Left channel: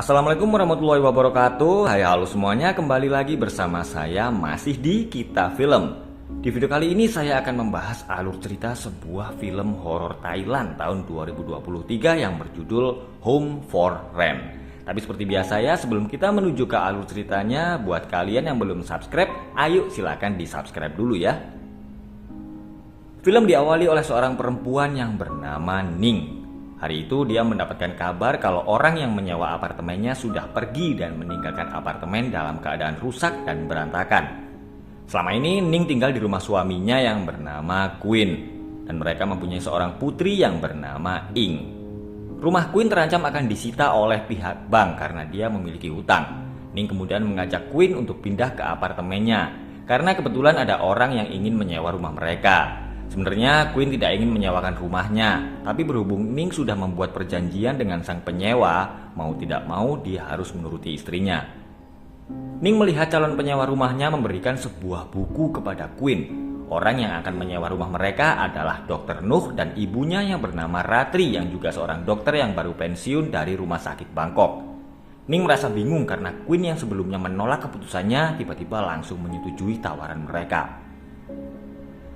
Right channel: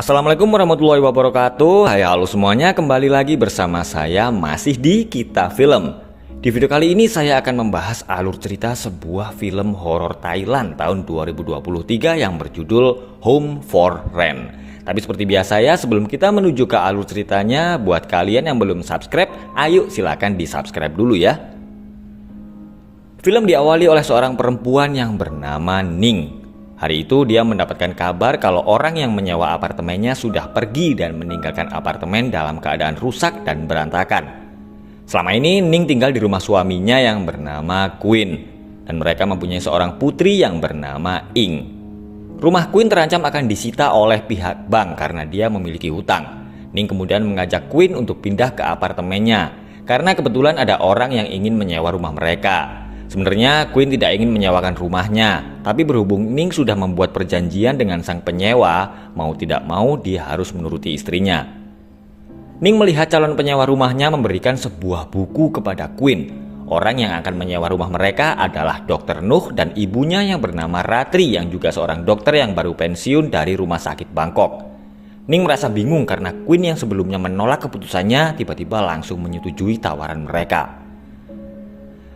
Assalamualaikum warahmatullahi wabarakatuh. Hai halo semuanya, kembali lagi bersama saya masih di Kita Film. Di video kali ini saya akan membahas alur cerita sebuah film horor Thailand tahun 2023 yang berjudul Home for Rent. Tapi seperti biasa ya, sebelum kita menuju ke alur ceritanya, buat kalian yang belum subscribe, ayo silakan di subscribe dulu ya. Film diawali oleh seorang perempuan yang bernama Ning. Hari itu dia mendapatkan kabar kalau orang yang menyewa apartemennya sudah pergi dan meninggalkan apartemen dalam keadaan rusak dan berantakan. Selama ini Ning tinggal di rumah suaminya yang bernama Queen, dan mereka mempunyai seorang putri yang bernama Ing. Rumah Queen terancam akan disita oleh pihak bank karena dia memiliki hutang. Ning kemudian mengajak Queen untuk pindah ke apartemennya karena kebetulan ada orang yang ingin menyewa rumah mereka. Sebenarnya Queen tidak ingin menyewakan rumahnya, tapi berhubung Ning sudah membuat perjanjian dengan sang penyewa, mau tidak mau dia harus menuruti istrinya. Ning melihat calon penyewa rumahnya memberikan sebuah buku kepada Queen. Orang yang akan menyewa rumah mereka adalah Dr. Nuh dan ibunya yang bernama Ratri yang juga seorang dokter yang baru pensiun dari rumah sakit Bangkok. Ning merasa bingung karena Queen yang sebelumnya menolak keputusannya tiba-tiba langsung menyetujui tawaran mereka.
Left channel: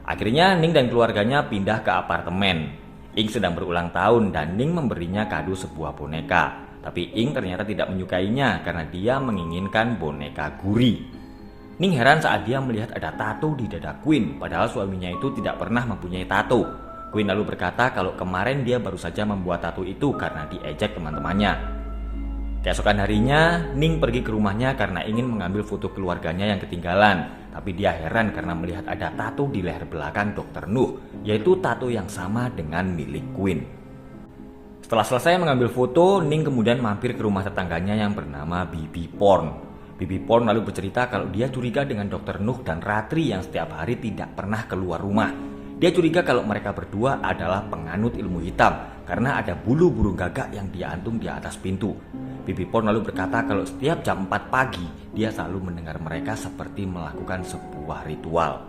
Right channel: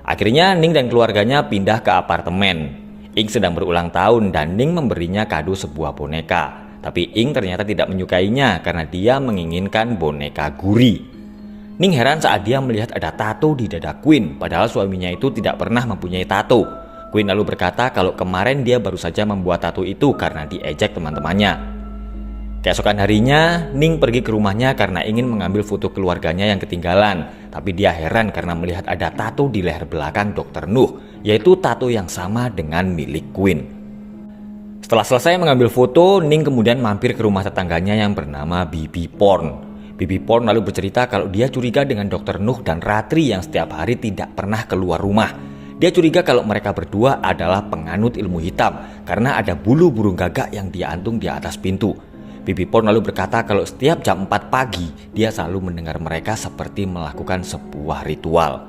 Akhirnya Ning dan keluarganya pindah ke apartemen. Ing sedang berulang tahun dan Ning memberinya kado sebuah boneka. Tapi Ing ternyata tidak menyukainya karena dia menginginkan boneka Guri. Ning heran saat dia melihat ada tato di dada Queen, padahal suaminya itu tidak pernah mempunyai tato. Queen lalu berkata kalau kemarin dia baru saja membuat tato itu karena diejek teman-temannya. Keesokan harinya, Ning pergi ke rumahnya karena ingin mengambil foto keluarganya yang ketinggalan. Tapi dia heran karena melihat ada tato di leher belakang Dr. Nuh, yaitu tato yang sama dengan milik Queen. Setelah selesai mengambil foto, Ning kemudian mampir ke rumah tetangganya yang bernama Bibi Porn. Bibi Porn lalu bercerita kalau dia curiga dengan Dr. Nuh dan Ratri yang setiap hari tidak pernah keluar rumah. Dia curiga kalau mereka berdua adalah penganut ilmu hitam karena ada bulu burung gagak yang diantung di atas pintu. Bibi Porn lalu berkata kalau setiap jam 4 pagi dia selalu mendengar mereka seperti melakukan sebuah ritual.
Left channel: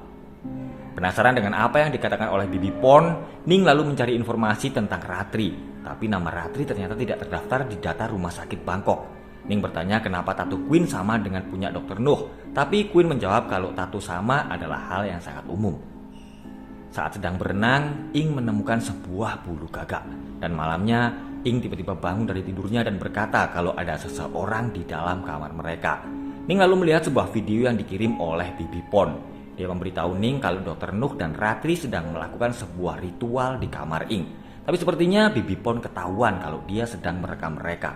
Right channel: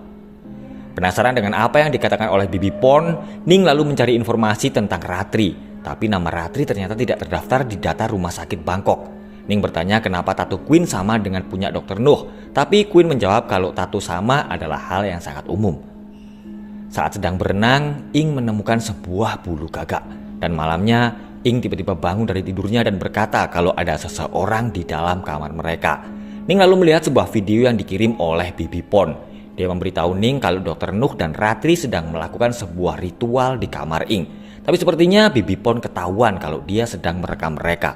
Penasaran dengan apa yang dikatakan oleh Bibi Porn, Ning lalu mencari informasi tentang Ratri. Tapi nama Ratri ternyata tidak terdaftar di data rumah sakit Bangkok. Ning bertanya kenapa tato Queen sama dengan punya Dr. Nuh, tapi Queen menjawab kalau tato sama adalah hal yang sangat umum. Saat sedang berenang, Ing menemukan sebuah bulu gagak dan malamnya Ing tiba-tiba bangun dari tidurnya dan berkata kalau ada seseorang di dalam kamar mereka. Ning lalu melihat sebuah video yang dikirim oleh Bibi Porn. Dia memberitahu Ning kalau Dr. Nuh dan Ratri sedang melakukan sebuah ritual di kamar Ing. Tapi sepertinya Bibi Porn ketahuan kalau dia sedang merekam mereka.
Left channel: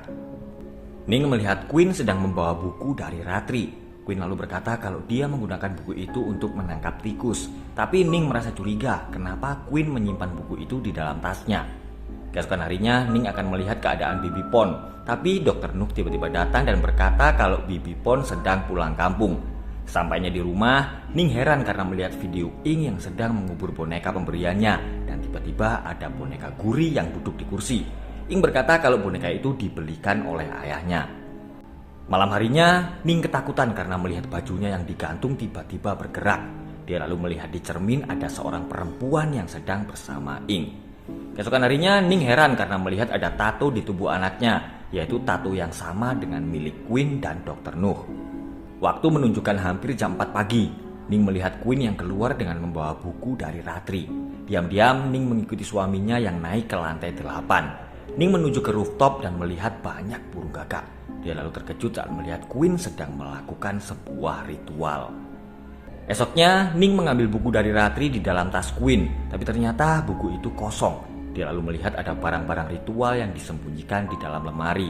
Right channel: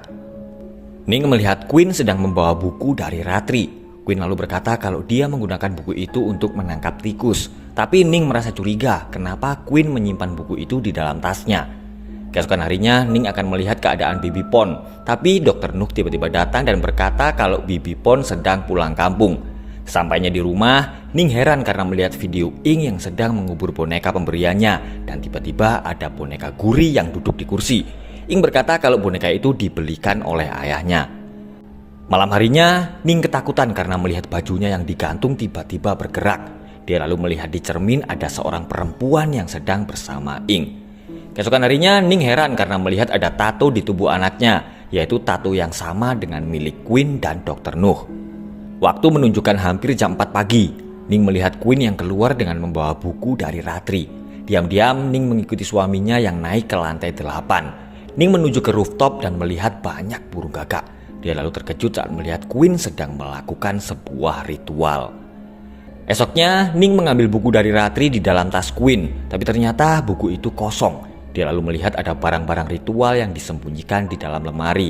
Ning melihat Queen sedang membawa buku dari Ratri. Queen lalu berkata kalau dia menggunakan buku itu untuk menangkap tikus. Tapi Ning merasa curiga kenapa Queen menyimpan buku itu di dalam tasnya. Keesokan harinya Ning akan melihat keadaan Bibi Porn, tapi Dr. Nuh tiba-tiba datang dan berkata kalau Bibi Porn sedang pulang kampung. Sampainya di rumah, Ning heran karena melihat video Ing yang sedang mengubur boneka pemberiannya dan tiba-tiba ada boneka Guri yang duduk di kursi. Ing berkata kalau boneka itu dibelikan oleh ayahnya. Malam harinya, Ning ketakutan karena melihat bajunya yang digantung tiba-tiba bergerak. Dia lalu melihat di cermin ada seorang perempuan yang sedang bersama Ing. Keesokan harinya Ning heran karena melihat ada tato di tubuh anaknya, yaitu tato yang sama dengan milik Queen dan Dr. Nuh. Waktu menunjukkan hampir jam 4 pagi. Ning melihat Queen yang keluar dengan membawa buku dari Ratri. Diam-diam Ning mengikuti suaminya yang naik ke lantai 8. Ning menuju ke rooftop dan melihat banyak burung gagak. Dia lalu terkejut saat melihat Queen sedang melakukan sebuah ritual. Esoknya Ning mengambil buku dari Ratri di dalam tas Queen, tapi ternyata buku itu kosong. Dia lalu melihat ada barang-barang ritual yang disembunyikan di dalam lemari.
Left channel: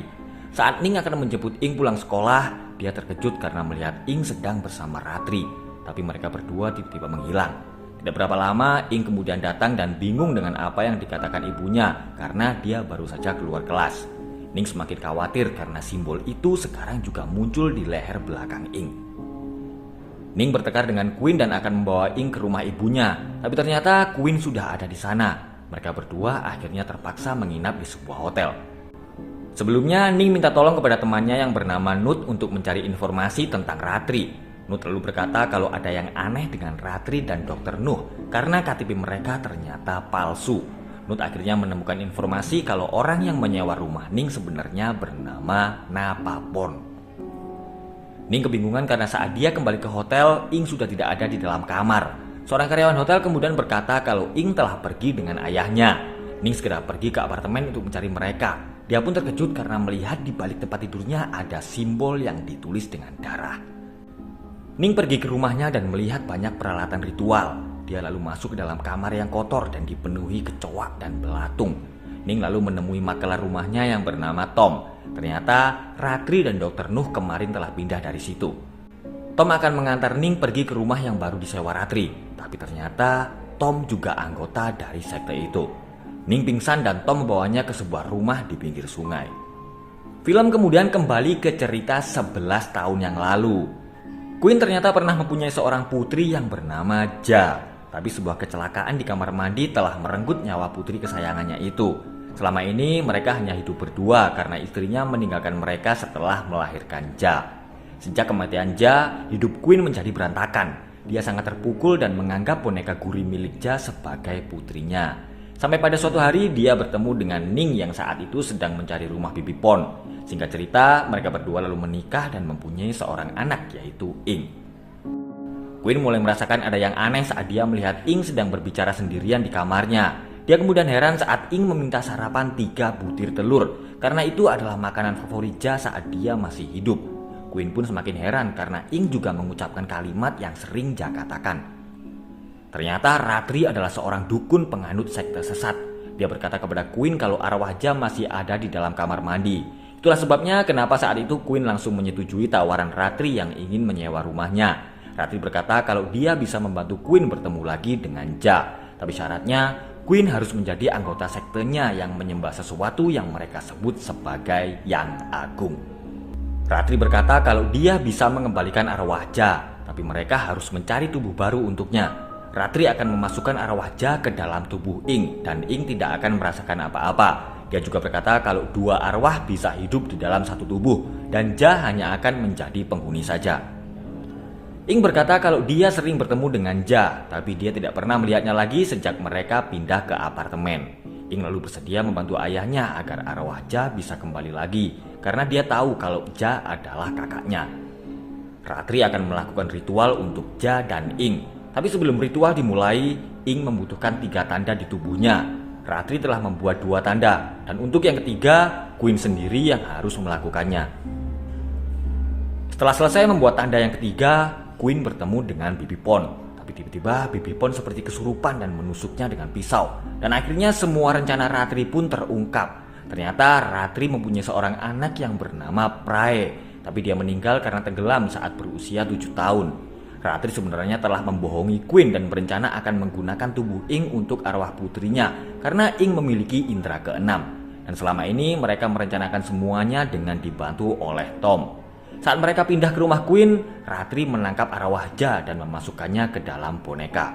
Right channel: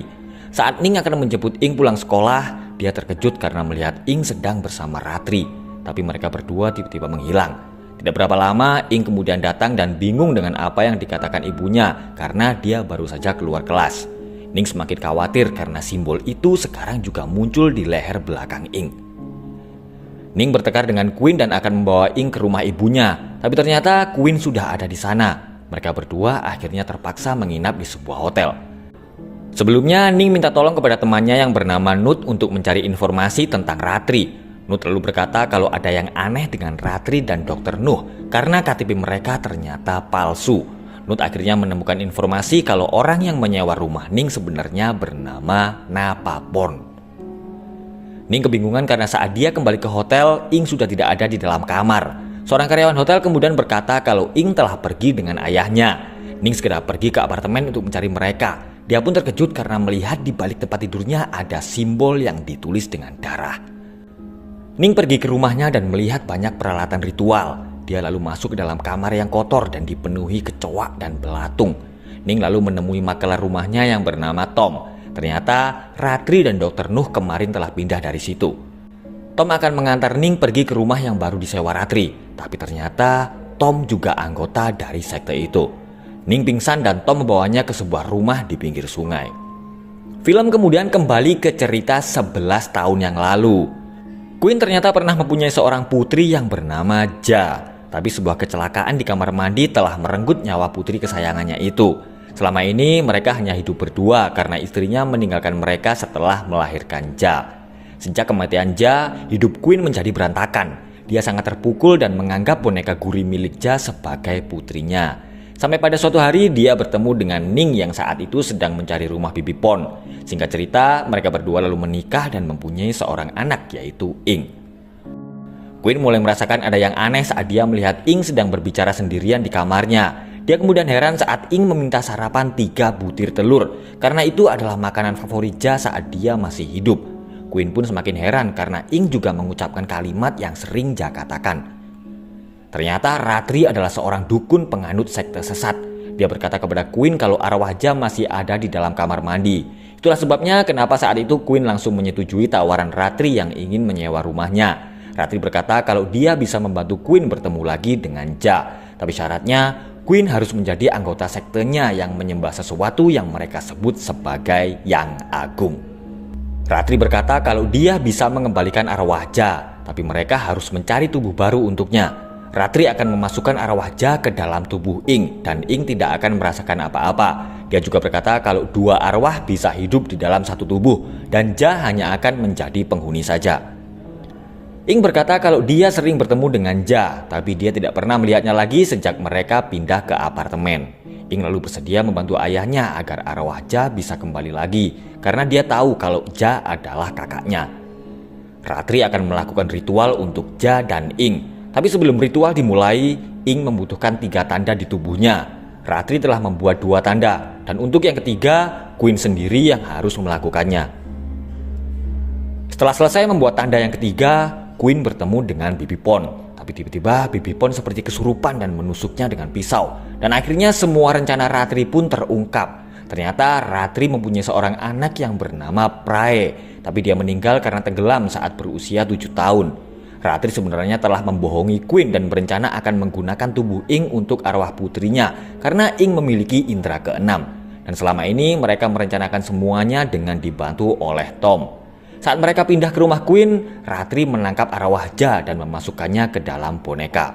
Saat Ning akan menjemput Ing pulang sekolah, dia terkejut karena melihat Ing sedang bersama Ratri. Tapi mereka berdua tiba-tiba menghilang. Tidak berapa lama Ing kemudian datang dan bingung dengan apa yang dikatakan ibunya karena dia baru saja keluar kelas. Ning semakin khawatir karena simbol itu sekarang juga muncul di leher belakang Ing. Ning bertekad dengan Queen dan akan membawa Ing ke rumah ibunya, tapi ternyata Queen sudah ada di sana. Mereka berdua akhirnya terpaksa menginap di sebuah hotel. Sebelumnya Ning minta tolong kepada temannya yang bernama Nut untuk mencari informasi tentang Ratri. Nut lalu berkata kalau ada yang aneh dengan Ratri dan Dr. Nuh karena KTP mereka ternyata palsu. Nut akhirnya menemukan informasi kalau orang yang menyewa rumah Ning sebenarnya bernama Napapon. Ning kebingungan karena saat dia kembali ke hotel, Ing sudah tidak ada di dalam kamar. Seorang karyawan hotel kemudian berkata kalau Ing telah pergi dengan ayahnya. Ning segera pergi ke apartemen untuk mencari mereka. Dia pun terkejut karena melihat di balik tempat tidurnya ada simbol yang ditulis dengan darah. Ning pergi ke rumahnya dan melihat banyak peralatan ritual. Dia lalu masuk ke dalam kamar yang kotor dan dipenuhi kecoak dan belatung. Ning lalu menemui makelar rumahnya yang bernama Tom. Ternyata Ratri dan Dr. Nuh kemarin telah pindah dari situ. Tom akan mengantar Ning pergi ke rumah yang baru disewa Ratri. Tapi ternyata Tom juga anggota dari sekte itu. Ning pingsan dan Tom membawanya ke sebuah rumah di pinggir sungai. Film kemudian kembali ke cerita 11 tahun yang lalu. Queen ternyata pernah mempunyai seorang putri yang bernama Ja. Tapi sebuah kecelakaan di kamar mandi telah merenggut nyawa putri kesayangannya itu. Selama ini mereka hanya hidup berdua karena istrinya meninggalkan mereka setelah melahirkan Ja. Sejak kematian Ja, hidup Queen menjadi berantakan. Dia sangat terpukul dan menganggap boneka gurih milik Ja sebagai putrinya. Sampai pada suatu hari dia bertemu dengan Ning yang saat itu sedang mencari rumah Bibi Pon. Singkat cerita, mereka berdua lalu menikah dan mempunyai seorang anak yaitu Ing. Queen mulai merasakan ada yang aneh saat dia melihat Ing sedang berbicara sendirian di kamarnya. Dia kemudian heran saat Ing meminta sarapan 3 butir telur, karena itu adalah makanan favorit Ja saat dia masih hidup. Queen pun semakin heran karena Ing juga mengucapkan kalimat yang sering Ja katakan. Ternyata Ratri adalah seorang dukun penganut sekte sesat. Dia berkata kepada Queen kalau arwah Ja masih ada di dalam kamar mandi. Itulah sebabnya kenapa saat itu Queen langsung menyetujui tawaran Ratri yang ingin menyewa rumahnya. Ratri berkata kalau dia bisa membantu Queen bertemu lagi dengan Ja. Tapi syaratnya Queen harus menjadi anggota sektenya yang menyembah sesuatu yang mereka sebut sebagai Yang Agung. Ratri berkata kalau dia bisa mengembalikan arwah Ja, tapi mereka harus mencari tubuh baru untuknya. Ratri akan memasukkan arwah Ja ke dalam tubuh Ing dan Ing tidak akan merasakan apa-apa. Dia juga berkata kalau 2 arwah bisa hidup di dalam satu tubuh dan Ja hanya akan menjadi penghuni saja. Ing berkata kalau dia sering bertemu dengan Ja, tapi dia tidak pernah melihatnya lagi sejak mereka pindah ke apartemen. Ing lalu bersedia membantu ayahnya agar arwah Ja bisa kembali lagi, karena dia tahu kalau Ja adalah kakaknya. Ratri akan melakukan ritual untuk Ja dan Ing. Tapi sebelum ritual dimulai, Ing membutuhkan 3 tanda di tubuhnya. Ratri telah membuat 2 tanda, dan untuk yang ketiga, Queen sendiri yang harus melakukannya. Setelah selesai membuat tanda yang ketiga, Queen bertemu dengan Bibi Pon. Tapi tiba-tiba Bibi Pon seperti kesurupan dan menusuknya dengan pisau. Dan akhirnya semua rencana Ratri pun terungkap. Ternyata Ratri mempunyai seorang anak yang bernama Prae. Tapi dia meninggal karena tenggelam saat berusia 7 tahun. Ratri sebenarnya telah membohongi Queen dan berencana akan menggunakan tubuh Ing untuk arwah putrinya. Karena Ing memiliki indera keenam. Dan selama ini mereka merencanakan semuanya dengan dibantu oleh Tom. Saat mereka pindah ke rumah Queen, Ratri menangkap arwah Ja dan memasukkannya ke dalam boneka.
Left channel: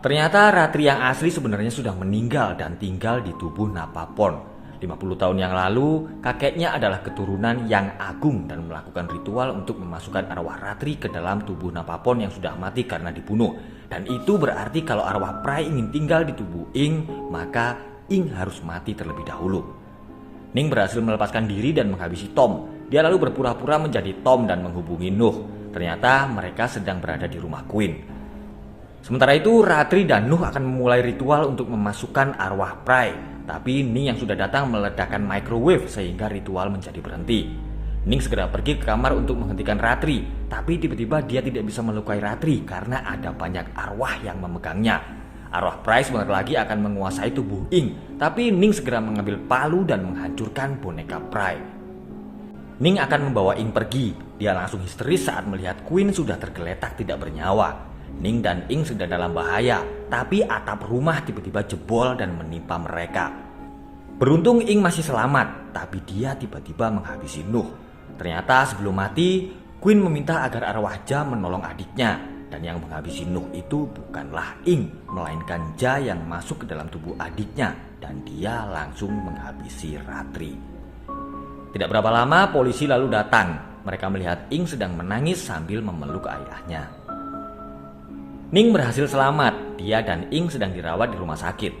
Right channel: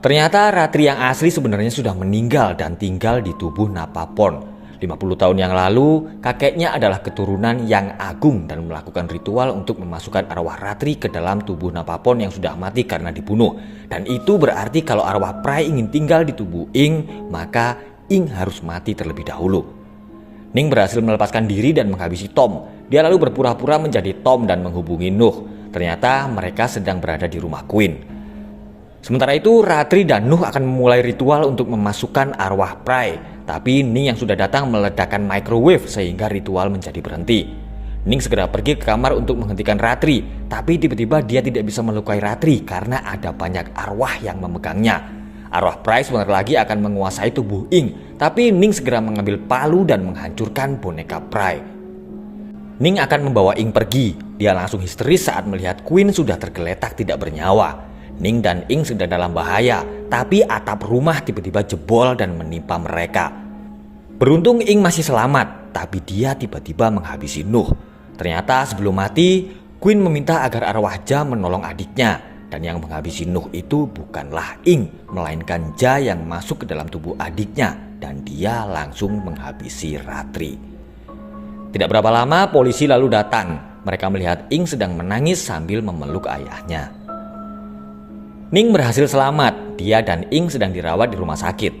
Ternyata Ratri yang asli sebenarnya sudah meninggal dan tinggal di tubuh Napapon. 50 tahun yang lalu, kakeknya adalah keturunan Yang Agung dan melakukan ritual untuk memasukkan arwah Ratri ke dalam tubuh Napapon yang sudah mati karena dibunuh. Dan itu berarti kalau arwah Prai ingin tinggal di tubuh Ing, maka Ing harus mati terlebih dahulu. Ning berhasil melepaskan diri dan menghabisi Tom. Dia lalu berpura-pura menjadi Tom dan menghubungi Nuh. Ternyata mereka sedang berada di rumah Queen. Sementara itu Ratri dan Nuh akan memulai ritual untuk memasukkan arwah Prai. Tapi Ning yang sudah datang meledakkan microwave sehingga ritual menjadi berhenti. Ning segera pergi ke kamar untuk menghentikan Ratri. Tapi tiba-tiba dia tidak bisa melukai Ratri karena ada banyak arwah yang memegangnya. Arwah Prai sebentar lagi akan menguasai tubuh Ing. Tapi Ning segera mengambil palu dan menghancurkan boneka Prai. Ning akan membawa Ing pergi. Dia langsung histeris saat melihat Queen sudah tergeletak tidak bernyawa. Ning dan Ing sedang dalam bahaya, tapi atap rumah tiba-tiba jebol dan menimpa mereka. Beruntung Ing masih selamat, tapi dia tiba-tiba menghabisi Nuh. Ternyata sebelum mati, Queen meminta agar arwah Ja menolong adiknya. Dan yang menghabisi Nuh itu bukanlah Ing, melainkan Ja yang masuk ke dalam tubuh adiknya. Dan dia langsung menghabisi Ratri. Tidak berapa lama polisi lalu datang. Mereka melihat Ing sedang menangis sambil memeluk ayahnya. Ning berhasil selamat. Dia dan Ing sedang dirawat di rumah sakit.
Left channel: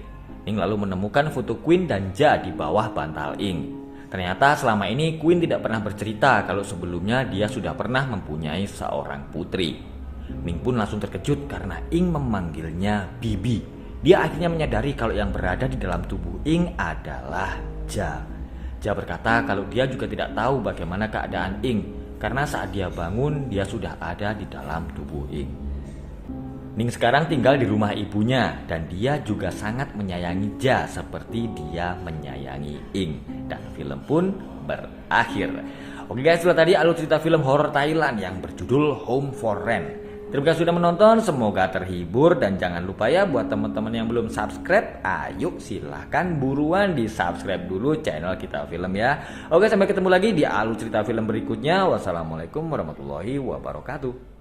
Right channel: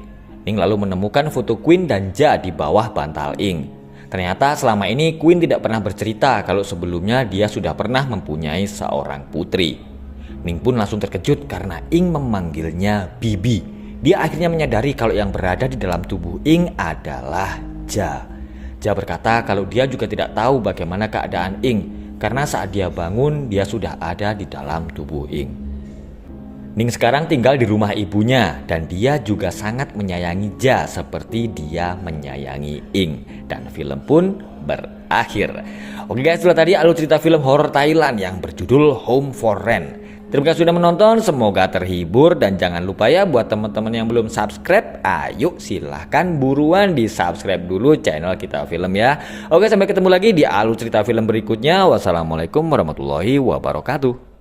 Ning lalu menemukan foto Queen dan Ja di bawah bantal Ing. Ternyata selama ini Queen tidak pernah bercerita kalau sebelumnya dia sudah pernah mempunyai seorang putri. Ning pun langsung terkejut karena Ing memanggilnya Bibi. Dia akhirnya menyadari kalau yang berada di dalam tubuh Ing adalah Ja. Ja berkata kalau dia juga tidak tahu bagaimana keadaan Ing karena saat dia bangun dia sudah ada di dalam tubuh Ing. Ning sekarang tinggal di rumah ibunya dan dia juga sangat menyayangi Ja seperti dia menyayangi Ing. Dan film pun berakhir. Oke guys, itulah tadi alur cerita film horor Thailand yang berjudul Home for Rent. Terima kasih sudah menonton, semoga terhibur dan jangan lupa ya buat teman-teman yang belum subscribe, ayo silahkan buruan di subscribe dulu channel Kita Film ya. Oke, sampai ketemu lagi di alur cerita film berikutnya. Wassalamualaikum warahmatullahi wabarakatuh.